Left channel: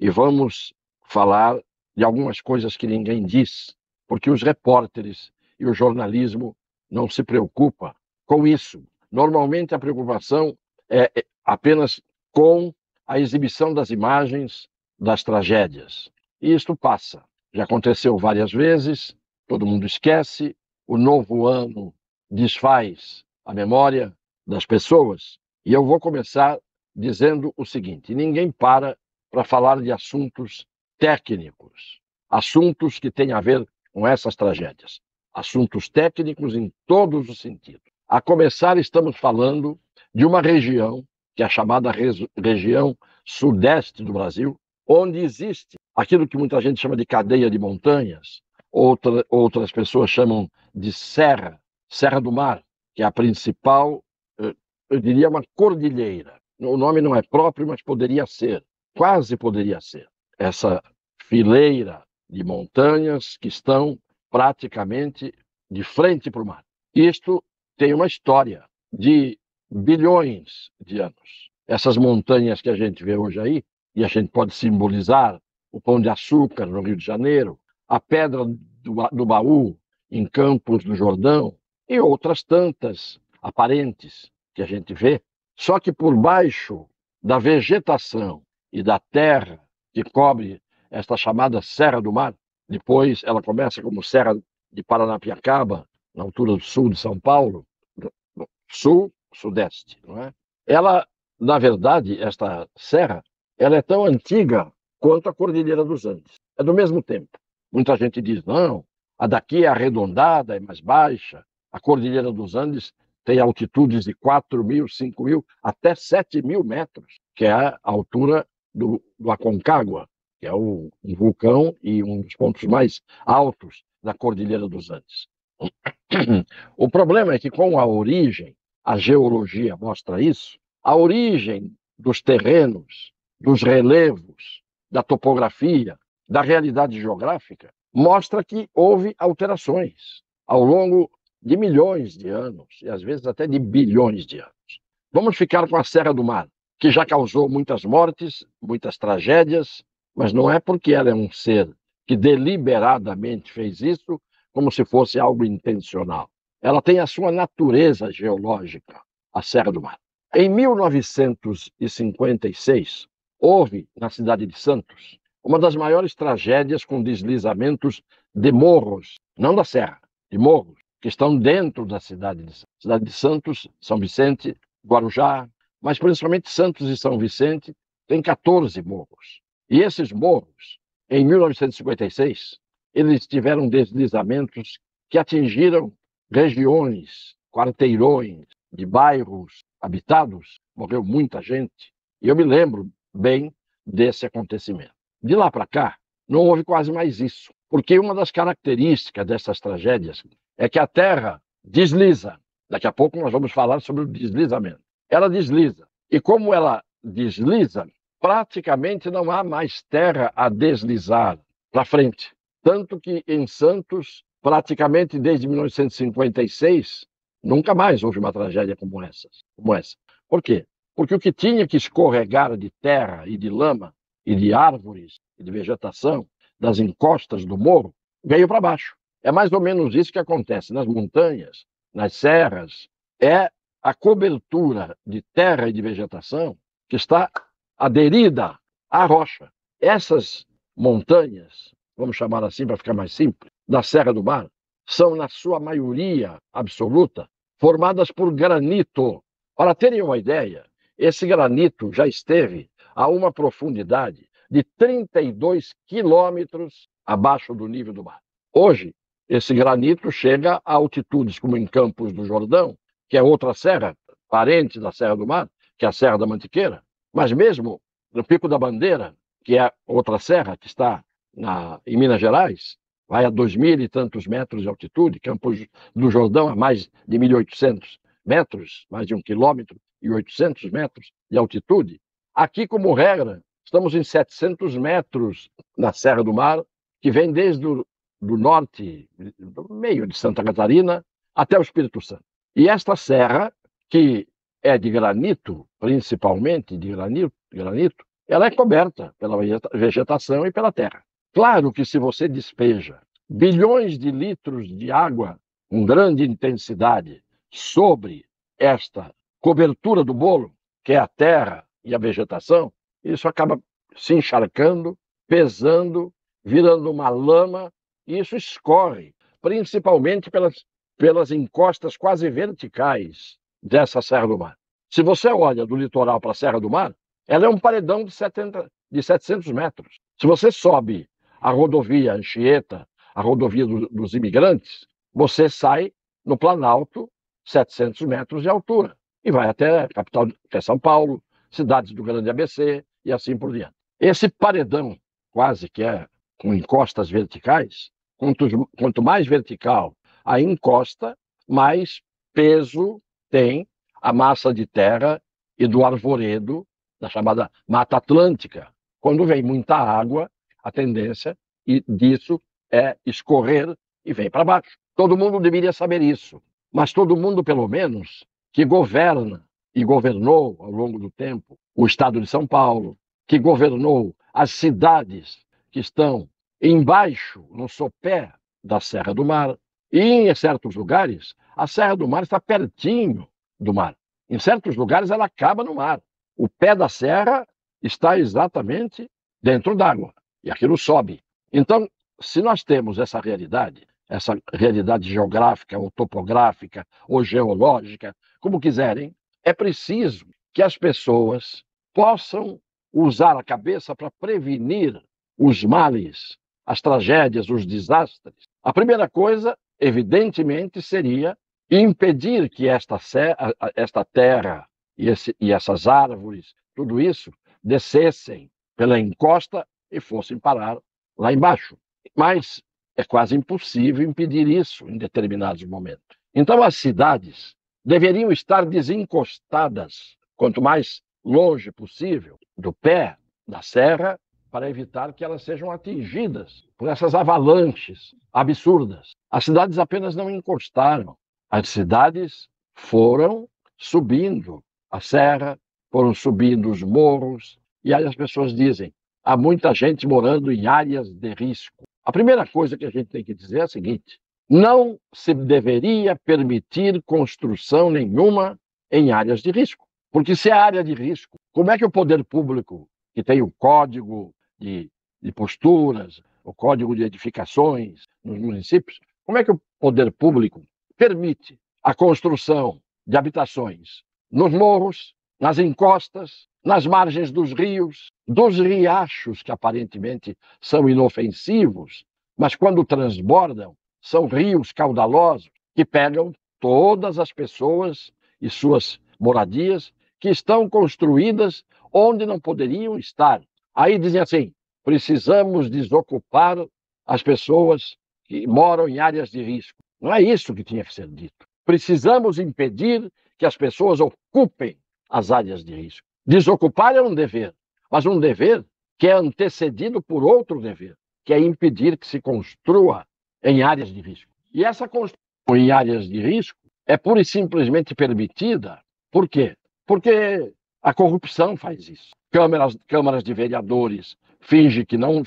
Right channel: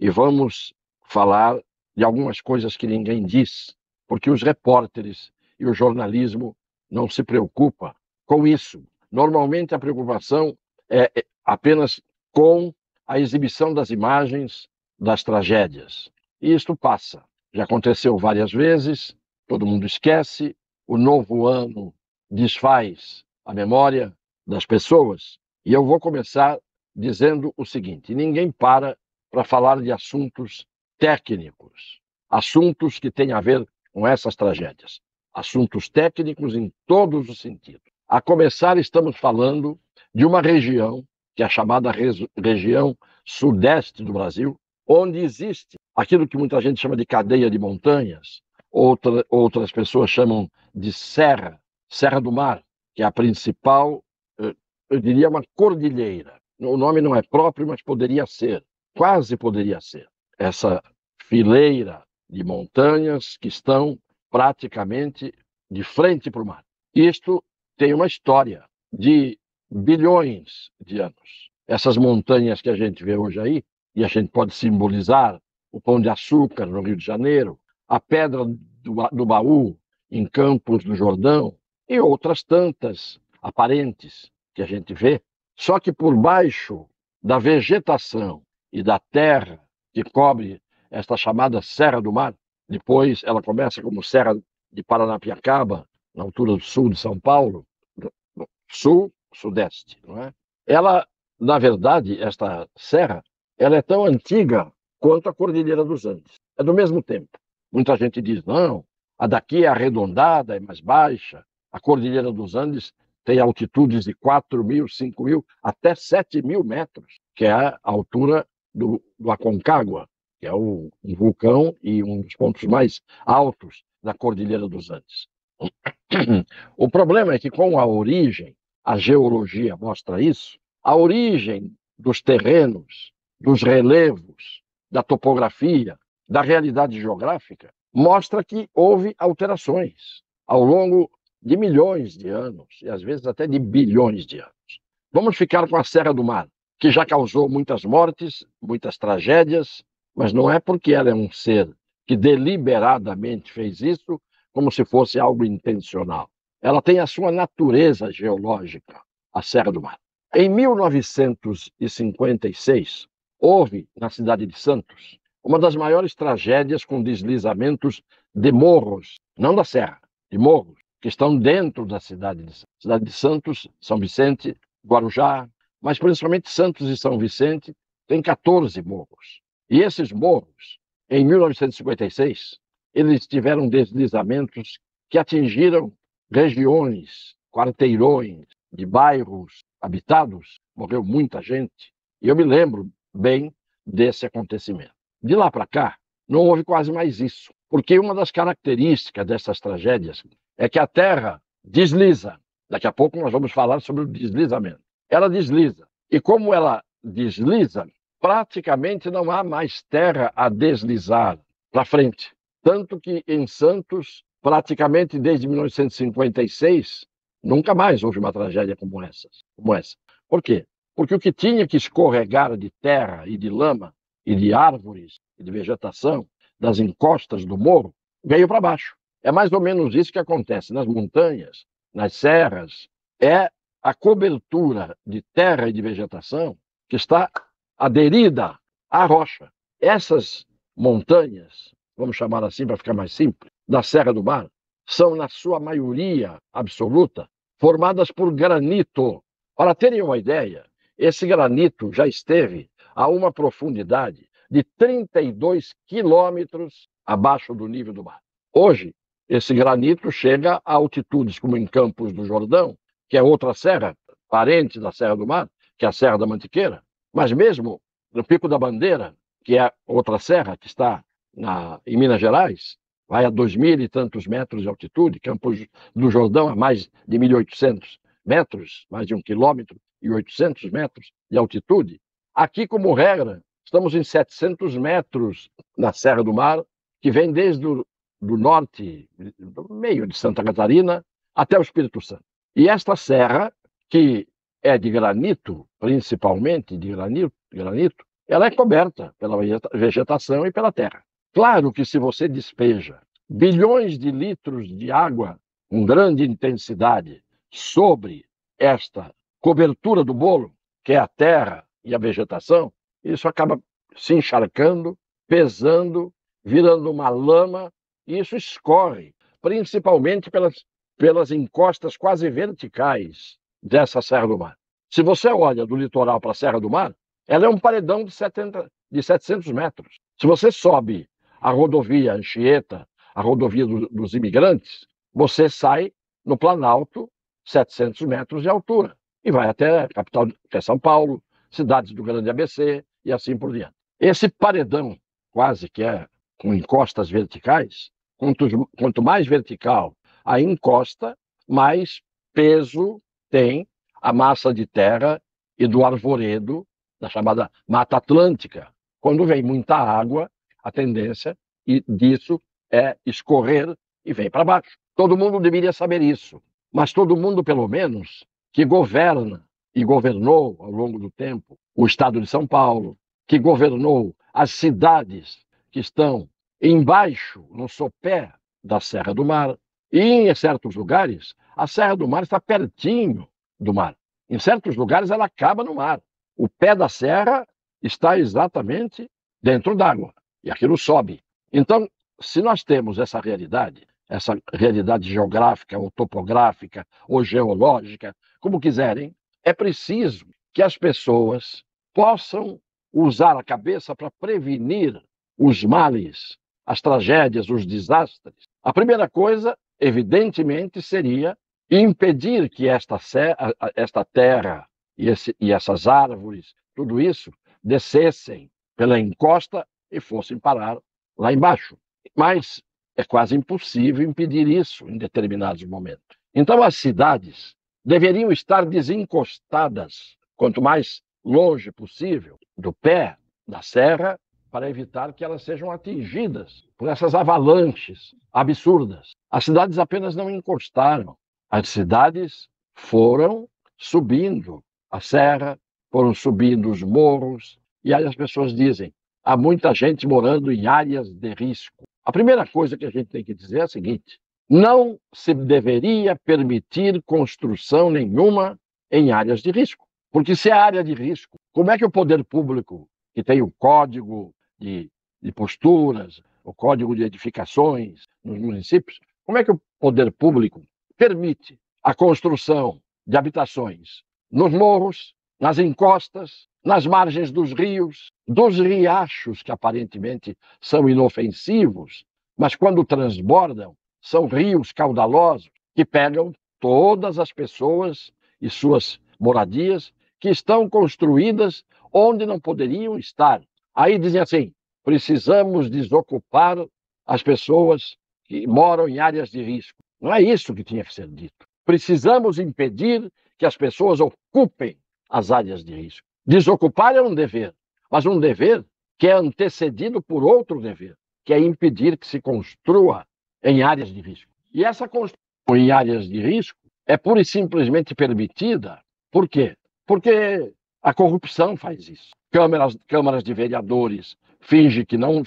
e vamos falar de algumas coisas que ninguém diz, porque os repórteres e o jornalismo não se preocupam com isso. Normalmente a preocupação é apenas com a exibição das imagens das tragédias. E isto passa. Já aconteceu várias vezes, todo mundo esquece, o novo ano desfaz a memória das pessoas. E eu vou começar dizendo o seguinte: ninguém para falar de assuntos técnicos, assuntos que têm a ver com essas tragédias, assuntos técnicos em todos os sentidos. A começar, estamos falando de uma região, que é a chamada região sudeste do Brasil, onde existe aquilo que muita gente chama de cadeia de montanhas, outras pessoas chamam de Serra do Mar, que é a principal, eu diria, uma cordilheira. O nome não é próprio, mas poderia ser, quase poderia ser. Essa fileira de montanhas que estão praticamente de frente para o mar. Isto tem uma história de bilhões de anos. Essas montanhas que a gente vê hoje aí, e a gente pode simbolizar o Pão de Açúcar no Rio de Janeiro, a Pedra do Baú em Campos do Jordão e outras tantas aparentes que a gente vê, só que por baixo da vegetação e da terra que cobre esta chamada Serra do Mar, depois ela começa como Serra de Paranapiacaba, na altura do sul de São Paulo, sul-sudeste, não é? Ela, na verdade, esta serra, ela é tão antiga quanto a Cordilheira dos Andes. É do mesmo tempo. Muita gente diz, não, a daqui é arredondada, é mais baixa. A Cordilheira dos Andes tem altitudes de 4.000, 5.000, até 7.000 metros, que é a altura do Aconcagua, que é um vulcão e um dos pontos mais altos da Cordilheira dos Andes. O problema é que, com a origem, a geologia mostra isso, a origem dos terrenos, dos relevos, da topografia, da realidade geográfica, mostra que houve alterações ao longo de milhões de anos, e às vezes até de bilhões de anos. Vamos ficar com a Serra do Mar, que já causou muitas mortes, muitas tragédias, mas não é porque ela é um ser que deliberadamente fez isso, como se fosse algo intencional. Ela tem a sua natureza geológica, a Serra do Mar. Em 1956, houve, na cidade de Santos, uma das maiores tragédias com deslizamentos de morros, não da serra, de morros, que estão dentro da cidade de Santos. Cidade de Santos, São Vicente, mas principalmente Santos e São Vicente, tem 14 morros. E esses morros, em 1956, eles tiveram deslizamentos que atingiram regiões, quarteirões de bairros habitados. Morreu muita gente. E eu me lembro bem desse acontecimento. De lá para cá, não houve quase mais isso. Porque uma das características dessas tragédias é que a Terra desliza. Daqui a pouco nós vamos falar sobre o deslizamento. Ela desliza. E como ela desliza, praticamente não há mais terra a deslizar na frente. Tanto que em Santos, praticamente desde 1956, nunca mais houve uma tragédia como essa. Por quê? Porque o que tinha que escorregar de terra e de lama e de árvores e de vegetação das encostas do morro veio para baixo. É mais ou menos isso que acontece nas montanhas, nas serras. É a cobertura de terra e de vegetação que está aderida à rocha. Essas montanhas, vamos chamar assim para ficar mais simples, da Serra do Mar, são, na sua maioria absoluta, formadas por granito. Para terem uma ideia, esse granito já esteve a uma profundidade de 32 quilômetros abaixo do nível do mar. Hoje, esse granito chega a altitudes como em Campos do Jordão, que é outra serra, parente da Serra do Mar, que é a Serra da Mantiqueira, mas mesmo no Pico da Bandeira, que é outra serra que está em Minas Gerais, vai a 2.000 e tantos metros de altitude, Campos do Jordão a mais de 1.800 metros, mais de 1,8 km de altitude. Aqui, como regra, estamos em 700 metros na Serra do Mar, que vem desde do norte, do meio de Santa Catarina, até o Espírito Santo. E esta serra, que é de granito, principalmente de granito, ela é coberta pela vegetação e pela terra. Claro que se você despeja bilhões de litros de água com grande intensidade sobre esta cobertura do bolo, que é a terra e a vegetação, isso acaba se encharcando, pesando, virando uma lama, e isso escorre, principalmente pelas encostas quase verticais dessa Serra do Mar. Se você olha do litoral para a Serra do Mar, ela é um paredão de 700 metros. Se você sobe a rodovia Anchieta, a rodovia dos imigrantes, você sai no Planalto, 700 metros de altura, e vai até a capital, até São Paulo, cidades do Grande ABC e assim por diante. Esse paredão, quase que é com encostas verticais, quanto mais vertical a encosta, mais peso tem a massa de terra e do arvoredo da chamada Mata Atlântica. Quando vem muita água, a tendência disso é escorrer e vem para baixo. Todo mundo deveria saber isso, mas todo mundo, pelo menos, que governa e governou ao longo do tempo o estado de São Paulo, que governou as cidades que estão embaixo, no sopé da Serra do Mar, e em certos lugares, a Serra do Mar está pertinho do mar. Em certos lugares, ela acaba no mar. O pé da serra está exatamente dentro d'água. E aquilo sobe. Então, se nós temos essa realidade geográfica, topográfica ou geológica, como quiserem, é preciso que as pessoas possam usar a cabeça para prevenir os males, as tragédias, os desastres. A primeira coisa, evidentemente, seria impedir que esta terra e essas árvores, tudo isso, descessem pela encosta e fossem parar lá embaixo. Mas é quase impossível impedir isso em determinados momentos. Então, as cidades deveriam estar desencostadas, quanto mais longe possível do pé da serra, para evitar que elas sejam atingidas por essas avalanches absurdas. As cidades apenas não encostaram, as cidades foram subindo a serra, foram subindo os morros, e aí as pessoas dizem, há muita gente morando em áreas de risco. A primeira coisa que a gente tem que dizer é a seguinte, não se deveria permitir construção nenhuma em áreas de risco. Porque se é área de risco, como é que o poder público, que tem o código de posturas, o código de edificações nos municípios, como é que o poder público permite a construção de habitações nos morros, nas encostas, nas margens dos rios, dos riachos, que aparentemente são inofensivos, mas quando transbordam, são rios caudalosos que pegam todas as pessoas e suas moradias que estão construídas onde não poderiam estar. Aí dizem assim, precisamos desocupar as pessoas que moram em áreas de risco. Não é isso que tinha que ser dito. Precisamos impedir que as pessoas ocupem as áreas de risco. Desocupar é um dever, mas um dever que é antecedido por outro dever, que é impedir que se construa em áreas de risco. E essa construção em áreas de risco é pura e simplesmente permitida. Por quê? Porque a corrupção faz isso. Câmaras de vereadores fingem que não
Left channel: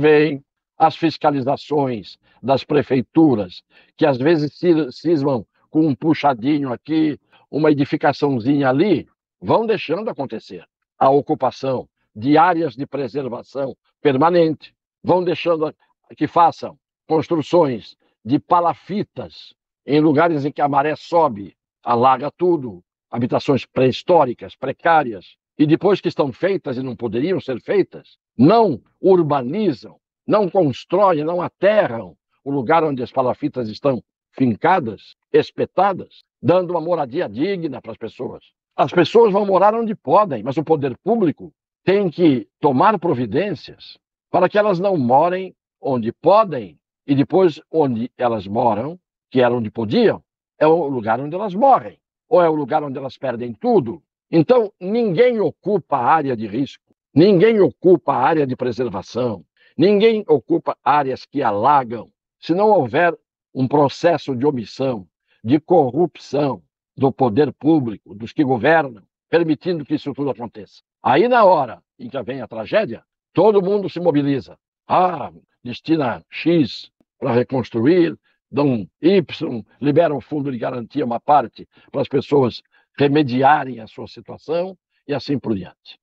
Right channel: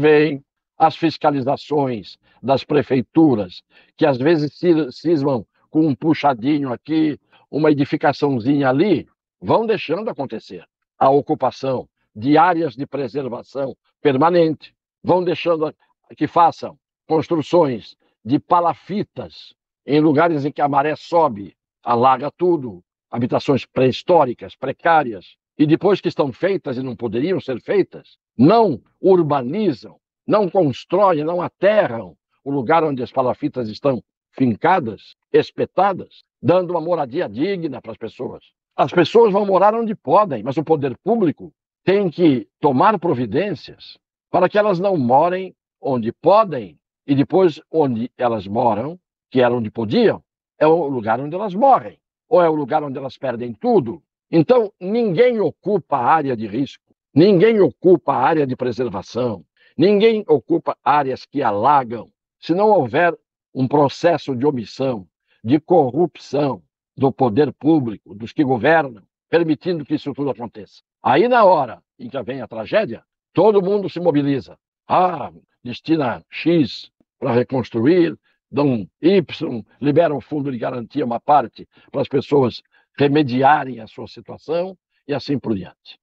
veem. As fiscalizações das prefeituras, que às vezes se cismam com um puxadinho aqui, uma edificaçãozinha ali, vão deixando acontecer a ocupação de áreas de preservação permanente, vão deixando que façam construções de palafitas em lugares em que a maré sobe, alaga tudo, habitações pré-históricas, precárias, e depois que estão feitas e não poderiam ser feitas, não urbanizam, não constroem, não aterram o lugar onde as palafitas estão fincadas, espetadas, dando uma moradia digna para as pessoas. As pessoas vão morar onde podem, mas o poder público tem que tomar providências para que elas não morem onde podem e depois onde elas moram, que era onde podiam, é o lugar onde elas morrem, ou é o lugar onde elas perdem tudo. Então, ninguém ocupa a área de risco, ninguém ocupa a área de preservação, ninguém ocupa áreas que alagam, se não houver um processo de omissão, de corrupção do poder público, dos que governam, permitindo que isso tudo aconteça. Aí, na hora em que vem a tragédia, todo mundo se mobiliza. Ah, destina X para reconstruir, dão Y, libera um fundo de garantia, uma parte, para as pessoas remediarem a sua situação e assim por diante.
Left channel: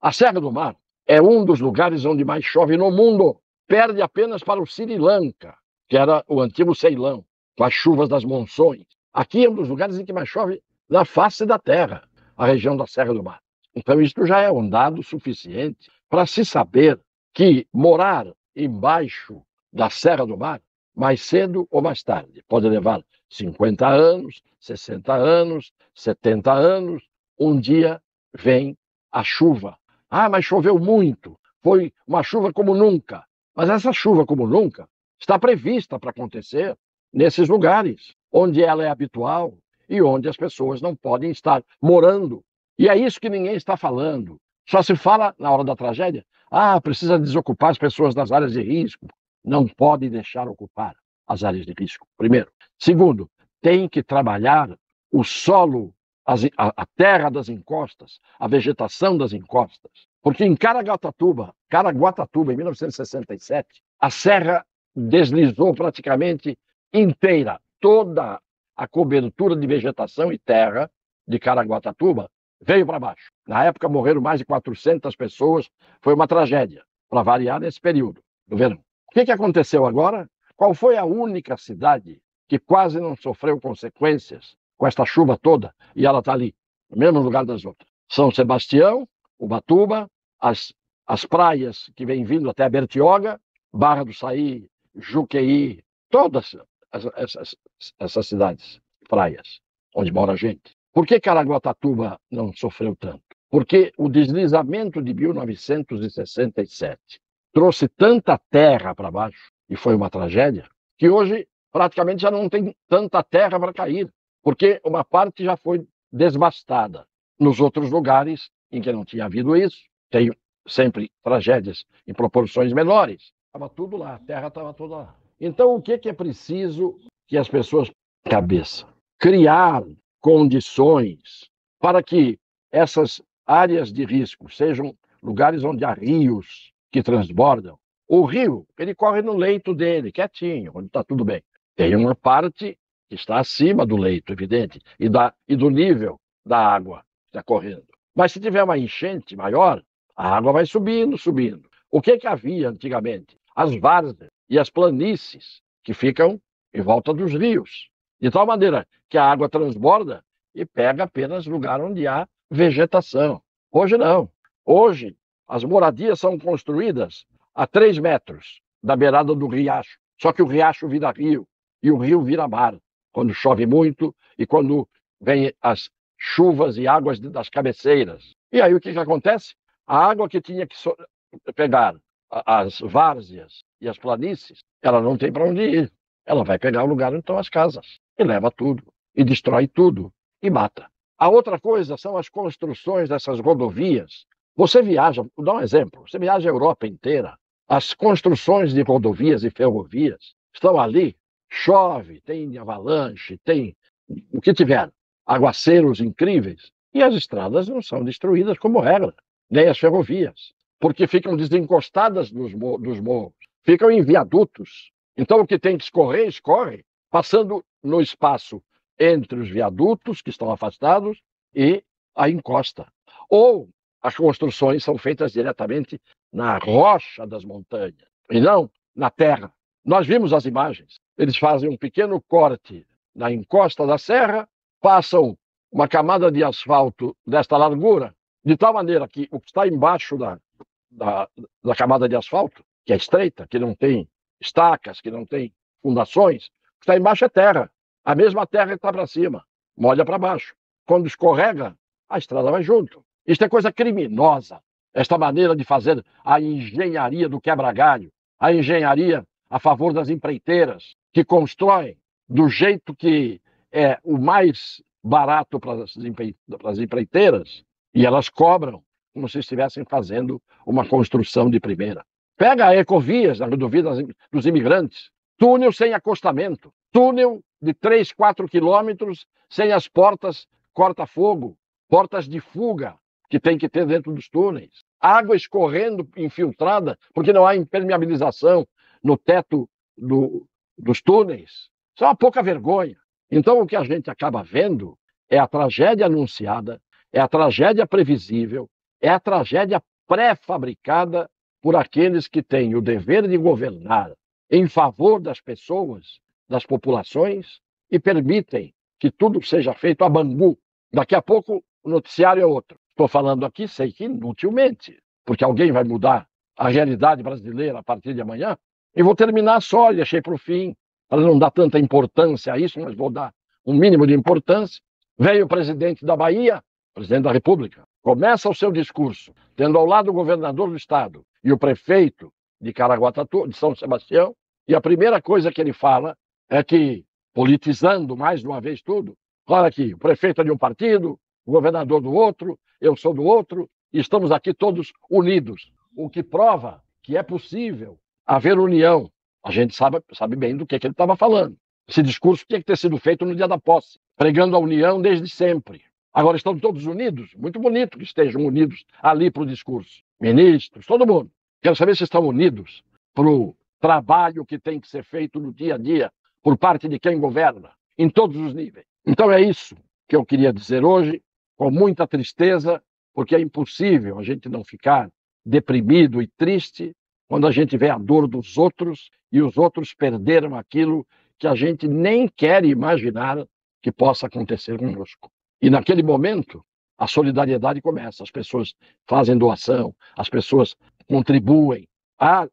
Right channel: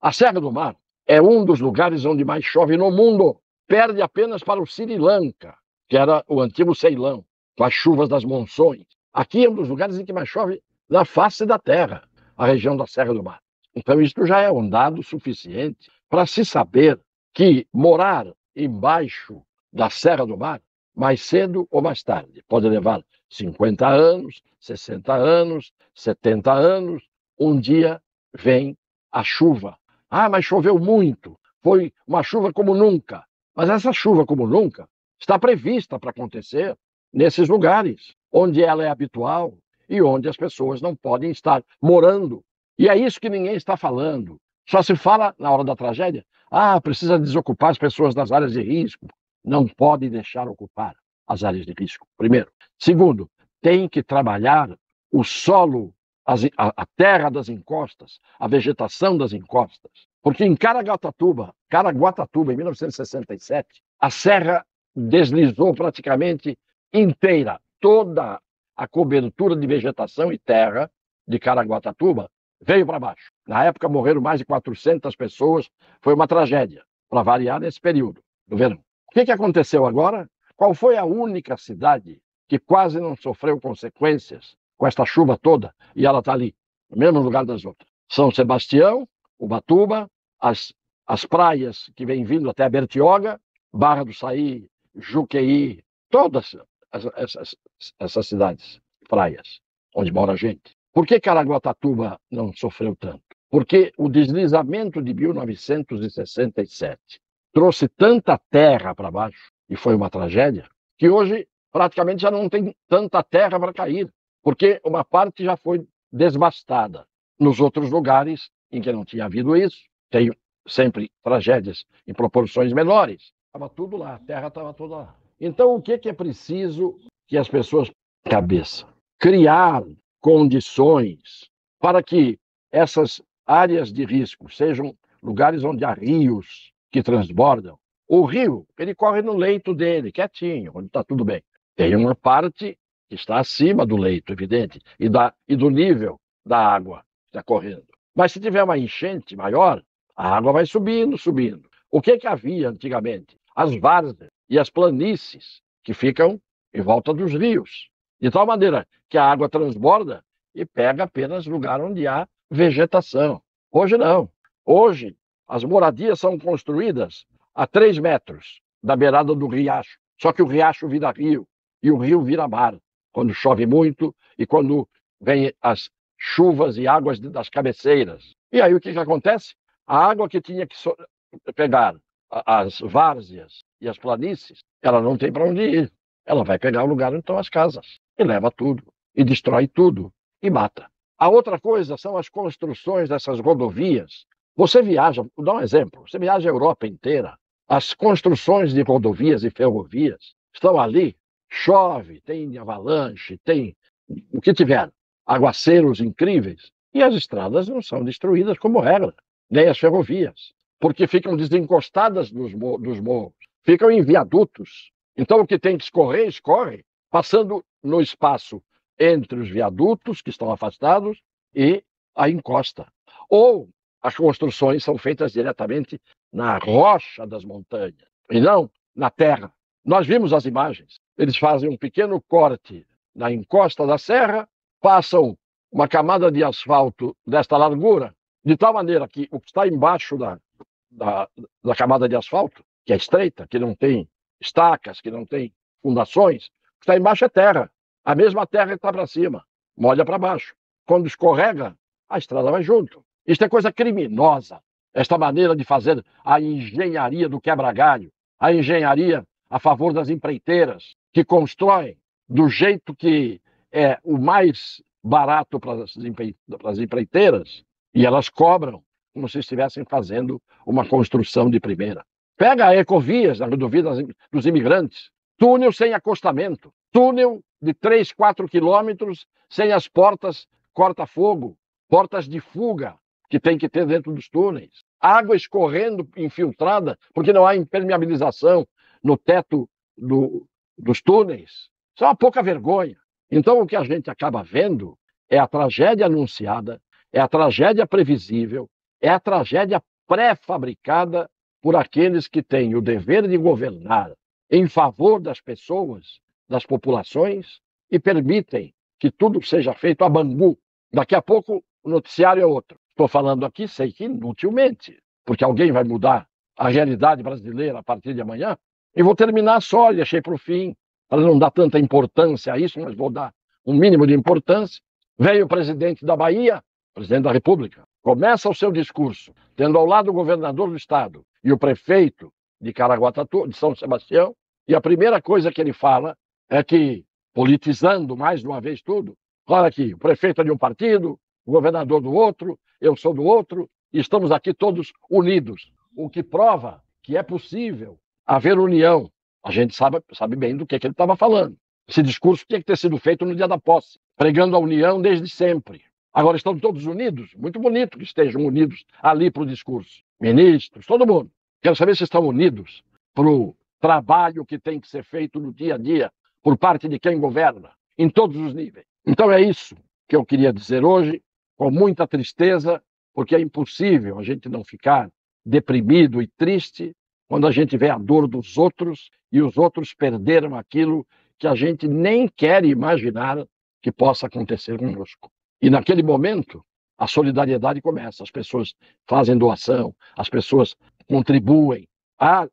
A Serra do Mar é um dos lugares onde mais chove no mundo. Perde apenas para o Sri Lanka, que era o antigo Ceilão, com as chuvas das monções. Aqui é um dos lugares em que mais chove na face da Terra, a região da Serra do Mar. Então, isto já é um dado suficiente para se saber que morar embaixo da Serra do Mar, mais cedo ou mais tarde, pode levar 50 anos, 60 anos, 70 anos, um dia vem a chuva. Ah, mas choveu muito, foi uma chuva como nunca. Mas essa chuva como nunca está prevista para acontecer nesses lugares, onde ela é habitual e onde as pessoas não podem estar morando. E é isso que ninguém está falando. Só se fala na hora da tragédia, precisa desocupar as pessoas das áreas de risco. Não pode deixar ocupar as áreas de risco, primeiro. Segundo, tem que trabalhar o solo, a terra das encostas, a vegetação das encostas. Porque em Caraguatatuba, em 1967, a serra deslizou praticamente inteira. Toda a cobertura de vegetação e terra de Caraguatatuba veio para baixo. Na época morreram mais de 400 pessoas. Foi uma tragédia, para variar nesse período do verão. O que aconteceu agora? Qual foi a única cidade que quase não sofreu consequências com esta chuva toda? E ela está ali, no mesmo lugar das outras. São Sebastião, Ubatuba, as praias que vêm vindo até Bertioga, Barra do Saí, Juqueí, todas essas cidades, praias, onde mora gente. Por que Caraguatatuba não sofreu tanto? Porque o deslizamento de 1967 trouxe tanta terra para baixo, e foi uma tragédia, que hoje praticamente já não tem tanta terra para cair, porque uma parte já foi desbastada. Nos outros lugares em que não tinha havido isso, tem sempre tragédias em proporções menores. Estava tudo lá, a terra estava toda lá. Então, o que é preciso que as pessoas cabeça? Criar condições para que essas áreas de risco sejam lugares onde há rios que transbordam. O rio, ele corre no leito dele, quietinho, onde está tudo bem. Tem uma parte que está acima do leito, evidente, e do nível da água que está correndo. Mas se tiver uma enchente maior, a água vai subindo, subindo. O que havia antigamente? As várzeas e as planícies que ficam em volta dos rios. De tal maneira que a água transborda e pega apenas lugar onde há vegetação. Hoje não. Hoje, as moradias são construídas a 3 metros da beirada do riacho. Só que o riacho vira rio e o rio vira mar, quando chove muito e quando vem as chuvas e águas das cabeceiras. E aí o que acontece? A água que tinha que pegar as várzeas e as planícies, ela não tem para onde ir. Ela vai pegar o lugar onde estão as casas e leva tudo, e destrói tudo, e mata. A outra coisa são as construções dessas rodovias. Você viaja, vou dar um exemplo, você viaja a Europa inteira, as construções de rodovias e ferrovias estão ali, chove, tem avalanche, tem o que tiver, aguaceiros incríveis, e as estradas não são destruídas como regra, nem as ferrovias, porque ficam desencostadas dos morros, ficam em viadutos. Então o que tem que escorrer, escorre, passando no espaço entre os viadutos que estão afastados e a encosta. Ou as construções são feitas diretamente na rocha das montanhas e não na terra. Nós vimos as imagens. Eles fazem um pequeno corte na encosta da serra, passam uma camada de asfalto desta largura, de tal maneira que o que está embaixo da camada de asfalto, que é estreita, que não tem estacas, que não tem fundações, o que está embaixo é terra. A mesma terra que está para cima, molha para baixo. Quando escorrega, a estrada vai junto. Isto é coisa criminosa, esta maneira de fazer a engenharia do quebra-galho, a engenharia a favor das empreiteiras, que constroem do jeito que é o mais barato para as empreiteiras, e elas cobram como se estivessem fazendo uma construção de primeira. Pega a Ecovias, a rodovia dos imigrantes, túnel sem acostamento, túnel de 3, 4 quilômetros sem as portas corta-fogo, portas de fuga, que tem que ter dentro dos túneis. Água escorrendo infiltrada, porque não há impermeabilização no teto dos túneis. Isso é uma pouca vergonha. Então, o que a gente acaba vendo é a tragédia anunciada, é a tragédia previsível, é a tragédia pré-fabricada por aqueles que têm o dever de governar em favor das pessoas, das populações, e permitem que tudo seja feito a bambu. Daqui a pouco o noticiário é outro. Estou falando aqui, sei que inutilmente, porque alguém vai mudar a realidade brasileira a partir de amanhã. E vou terminar só, deixei para o fim, para não dar tanta importância a isso, mas vou dar um mínimo de importância. Veio o presidente da Bahia, presidente da República, começa o seu discurso, tendo ao lado o governador do estado e o prefeito de Caraguatatuba, de São Sebastião, e a primeira coisa que ele fala é que, politizando mais de uma vez tudo, olha aqui, o prefeito é de um partido, o governador do outro, eu sou do outro, e estamos aqui todos unidos, o que prova que é possível haver união. A gente sabe bem do que ele estava falando. Esse discurso tinha que ter sido feito no dia da posse, pregando a união desde sempre. Agora estão todos unidos? Muito bonito que estejam unidos ali para o discurso. Ministros, todo mundo. Quero saber se estão unidos para o trabalho que tem que ser feito no dia a dia por parte de quem governa, em todos os níveis. Então é isso que eu queria dizer hoje, com muita tristeza, porque é impossível a gente não ficar deprimido e triste quando a gente vê a dor dos outros e os outros perderam aquilo que a gente nem quer imaginar que possa acontecer conosco. E naquele momento, a solidariedade começa. As pessoas fazem doação, as pessoas contribuem.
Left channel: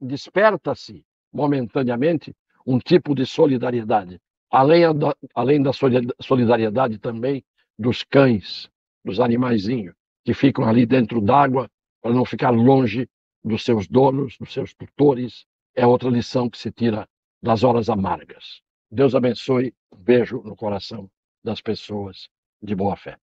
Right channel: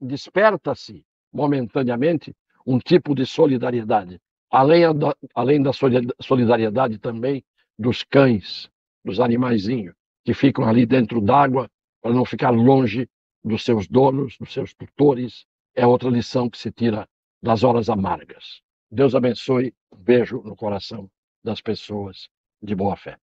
Desperta-se momentaneamente um tipo de solidariedade. Além da solidariedade também dos cães, dos animaizinhos, que ficam ali dentro d'água para não ficar longe dos seus donos, dos seus tutores. É outra lição que se tira das horas amargas. Deus abençoe. Um beijo no coração das pessoas de boa fé.